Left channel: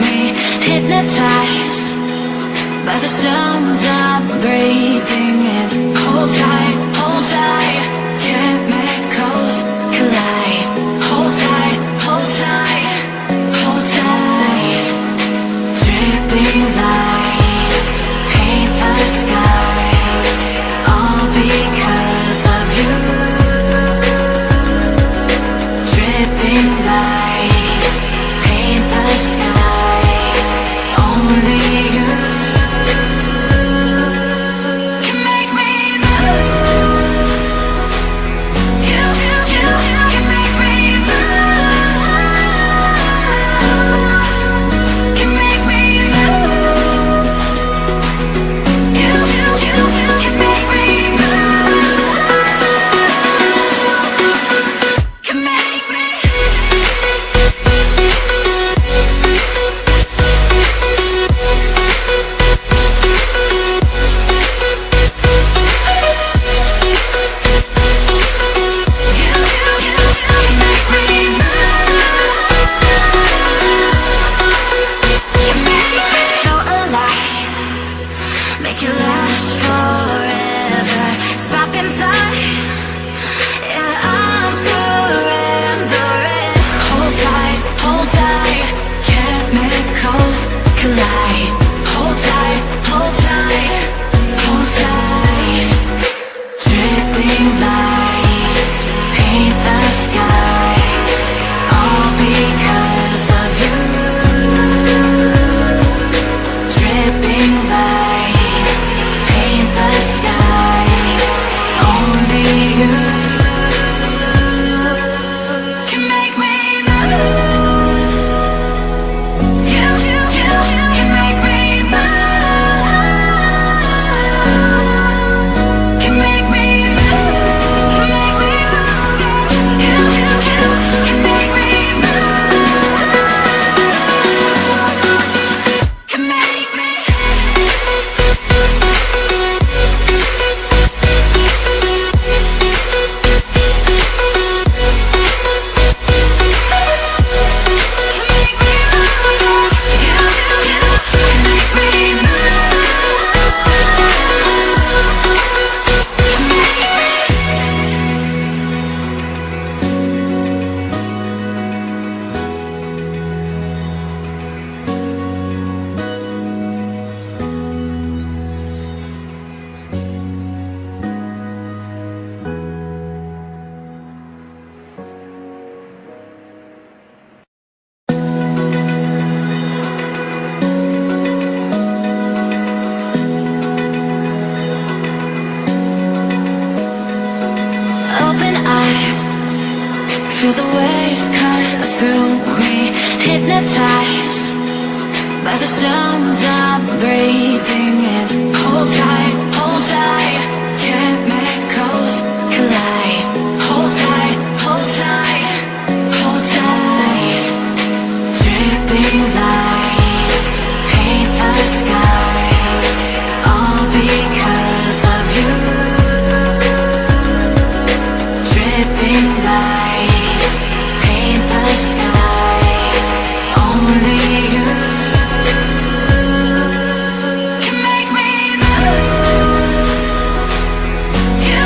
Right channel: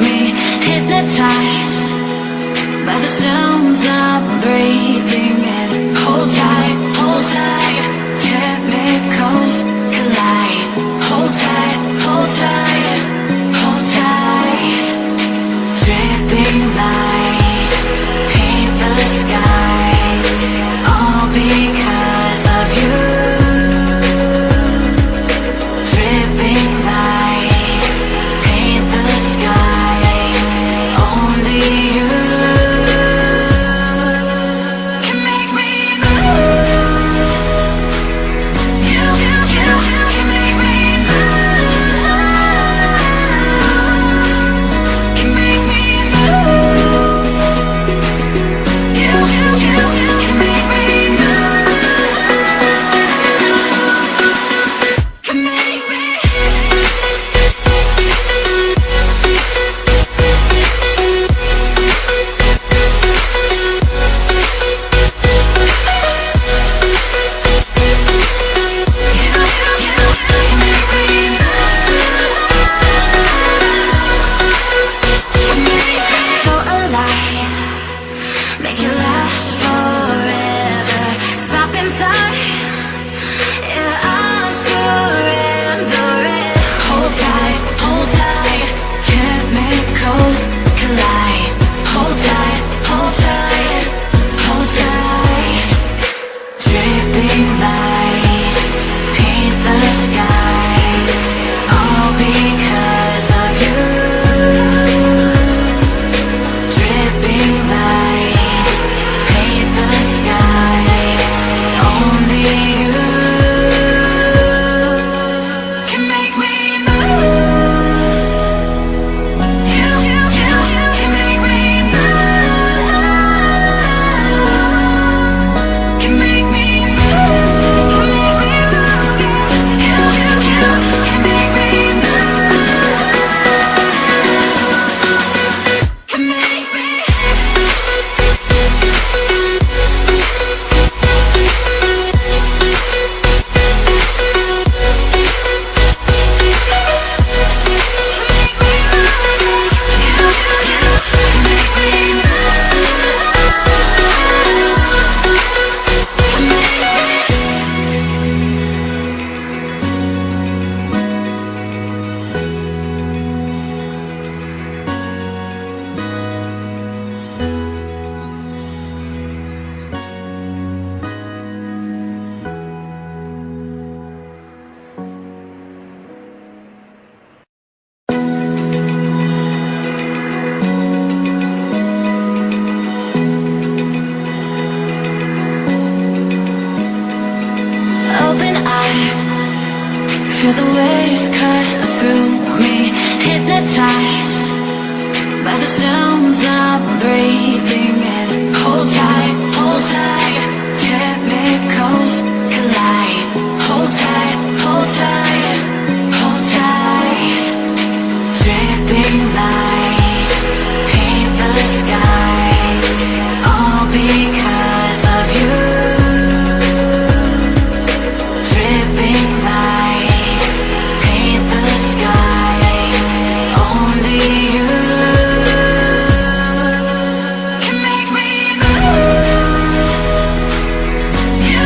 me, hypnotized by the sounds I'm breathing in. Hold tight, chemicals collide. Hold tight, hold tight, hold tight. Dripping lights paint the skies, all because of you. Dripping lights paint the skies, only you can make me move. You can make me move. Can make me move. You can make me move. Can make me. So alive, make it last forever. Stop in time, yeah, I'm surrendering. Hold tight, chemicals collide. Hold tight, hold tight, hold tight. Dripping lights paint the skies, all because of you. Dripping lights paint the skies, only you can make me move. You can make me move. Can make me move. Can make me move. You can make me move. Can make me. Open eye, feel the waves cut through me, hypnotized by the sounds I'm breathing in. Hold tight, chemicals collide. Hold tight, hold tight. Dripping lights paint the skies, all because of you. Dripping lights paint the skies, only you can make me move. You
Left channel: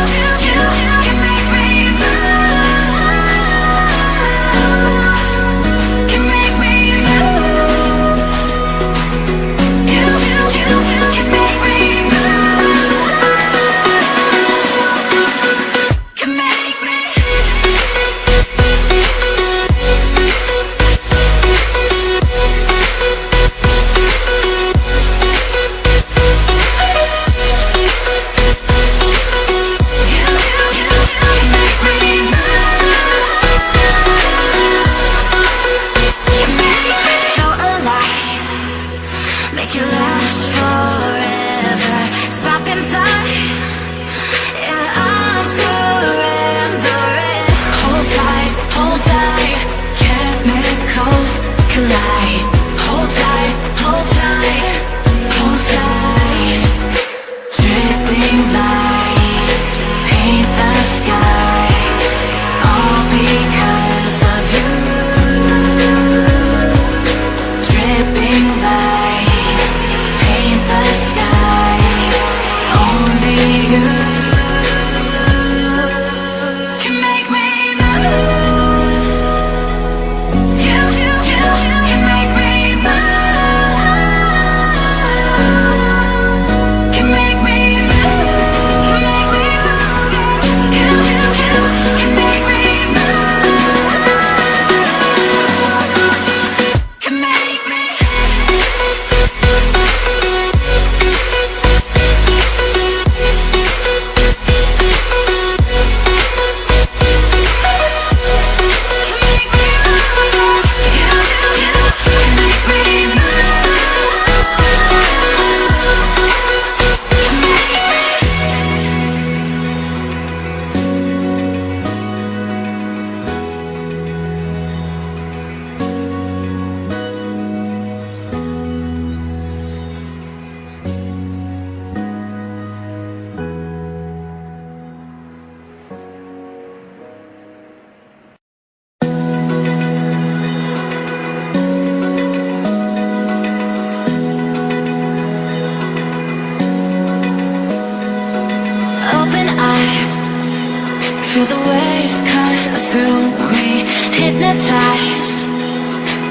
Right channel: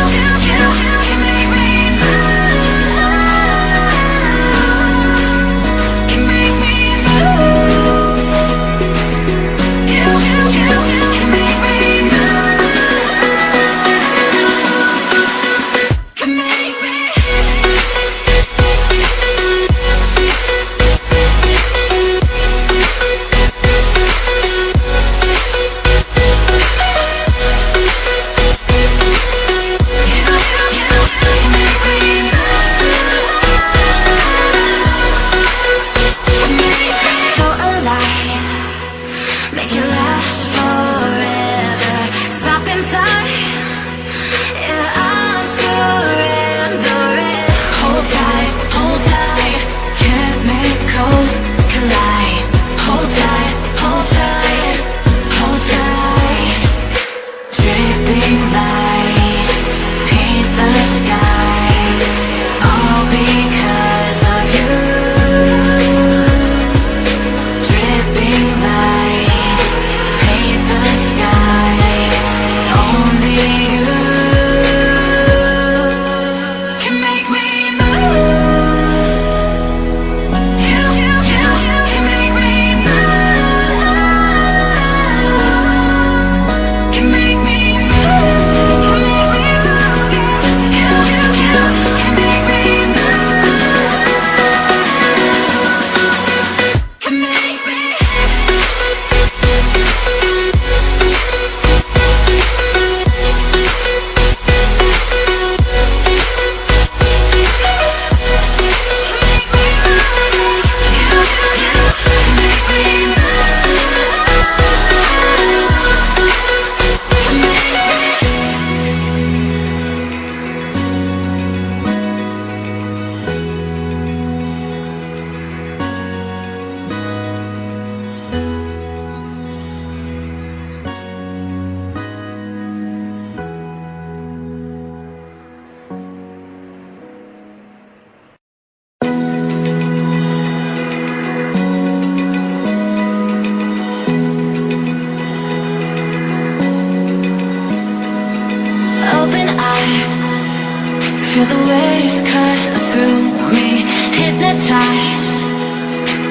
Feel the waves cut through me, hypnotized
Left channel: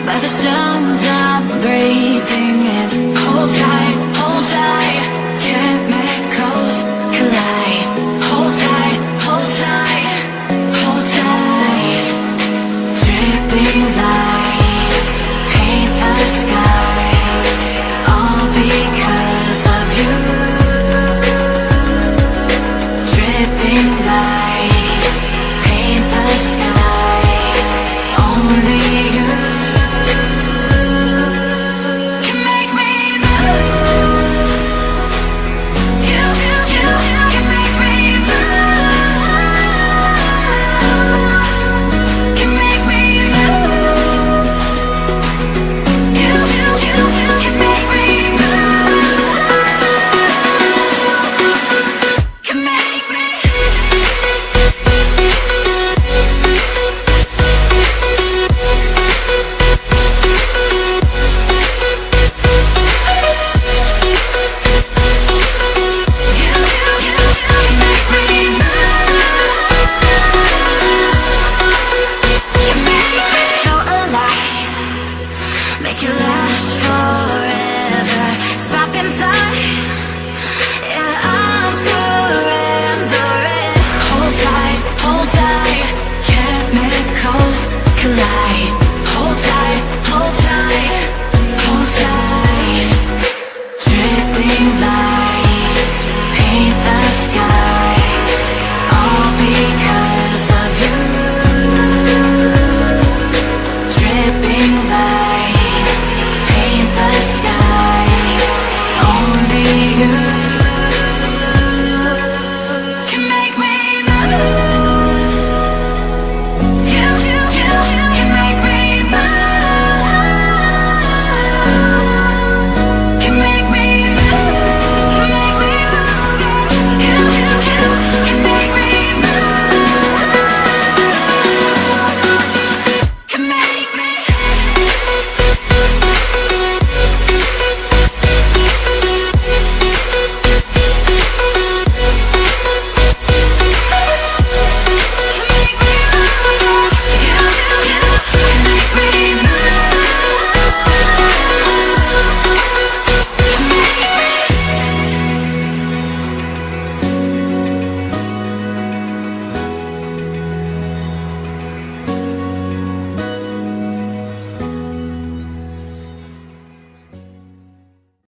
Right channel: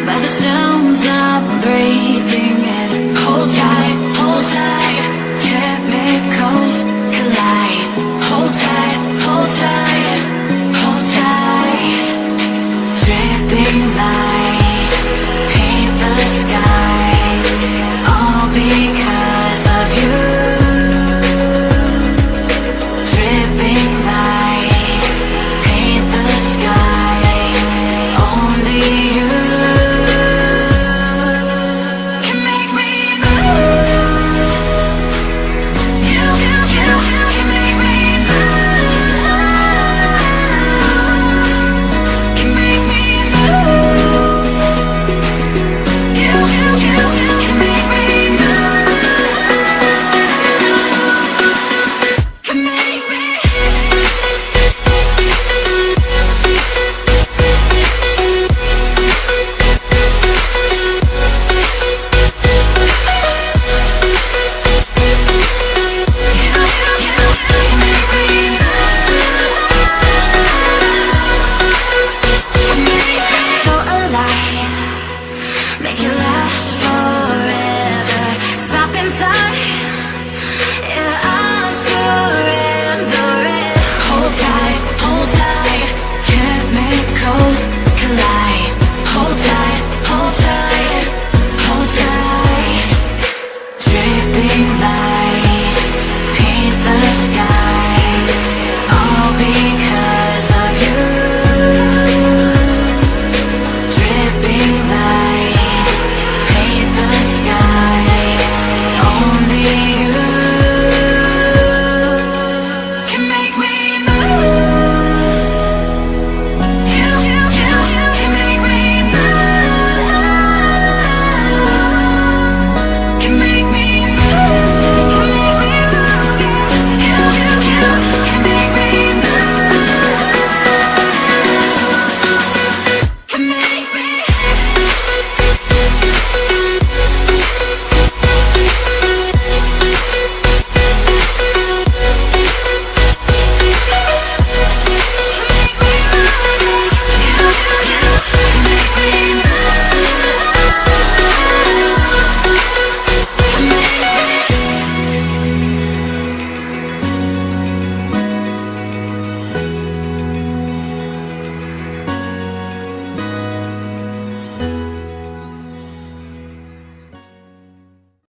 by the sounds I'm breathing